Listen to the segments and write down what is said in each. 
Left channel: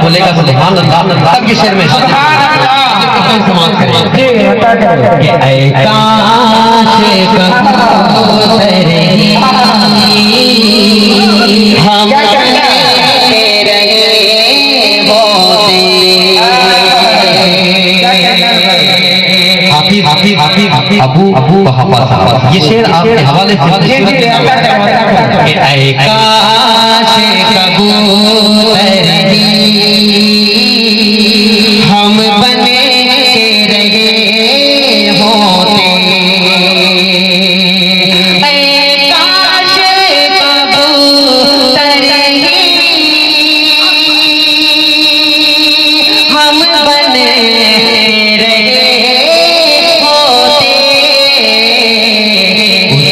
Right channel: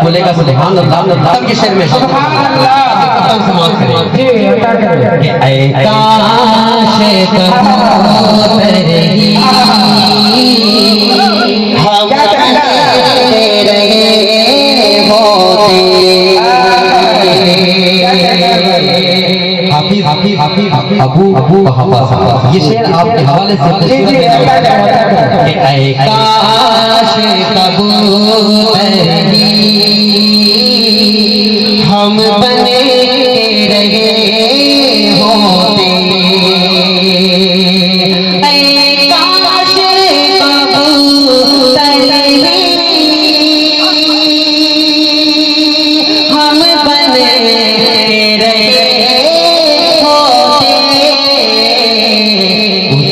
बोलेगा सुभान अल्लाह तब के शेर में समाज करें ये ऐ काश कबूतरे हम रहे होते हाफिज अबू हवास ये शेर आपके हवाले से ऐ काश कबूतरे हम बने रहे होते ऐ काश कबूतर हम बने रहे होते उस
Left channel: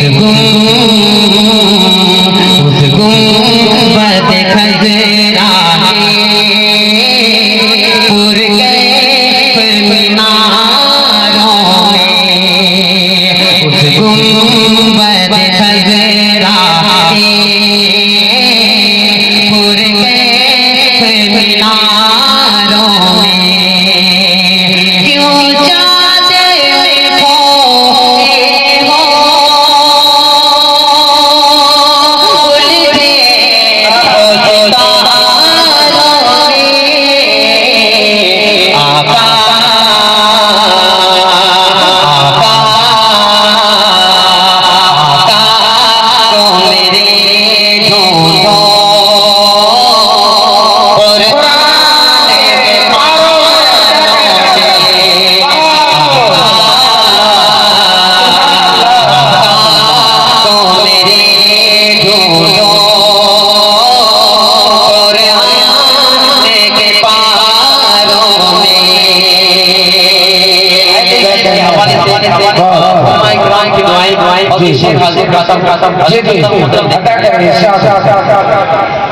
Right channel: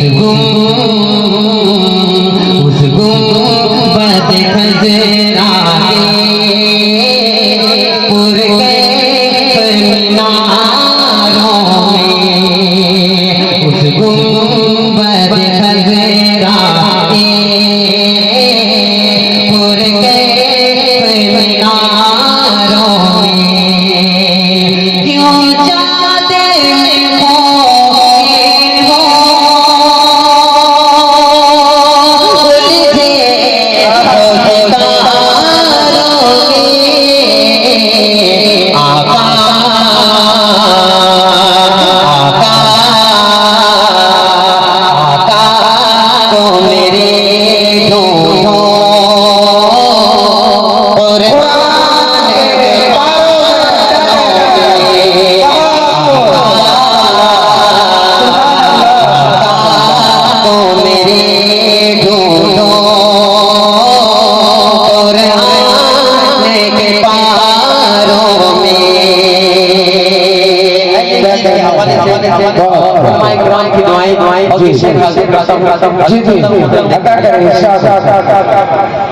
गुंबद खजरा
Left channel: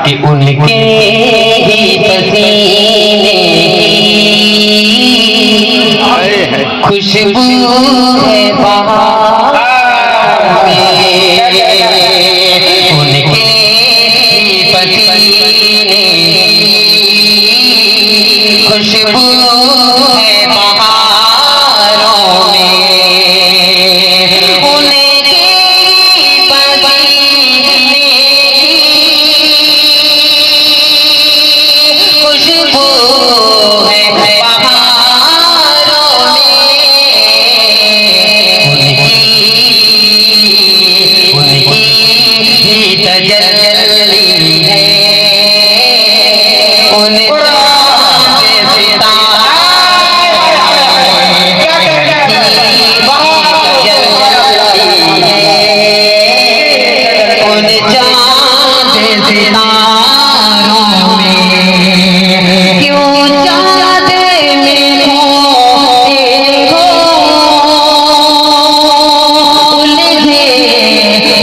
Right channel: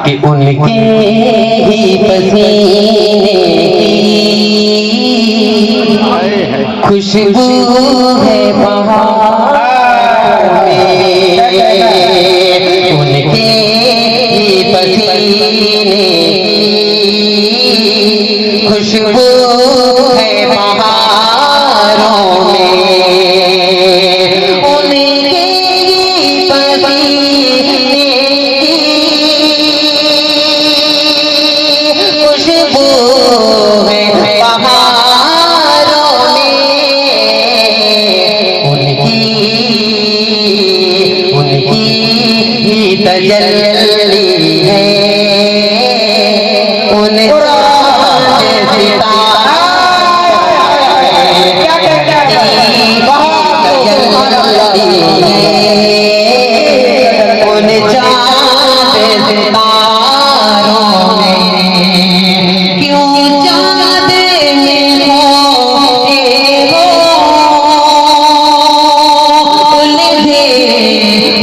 कि उनके ही पसीने की खुशबू है बहार में, उनके ही पसीने की खुशबू है बहारों में, तजल्ली है उन चाँद सितारों में, क्यों चाँद में खोते हो उलझे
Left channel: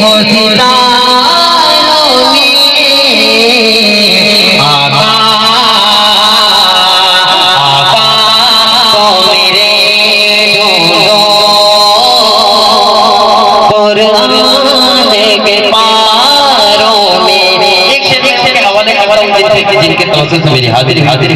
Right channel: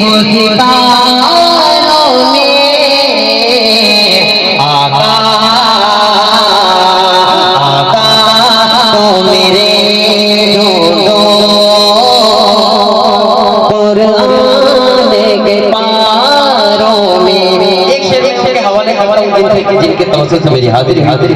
हो सितारों में, आका तो मेरे के पारों में। एक शरीक के हवाले जिनके तवज्जुह से मेरी हाजिरी हवाले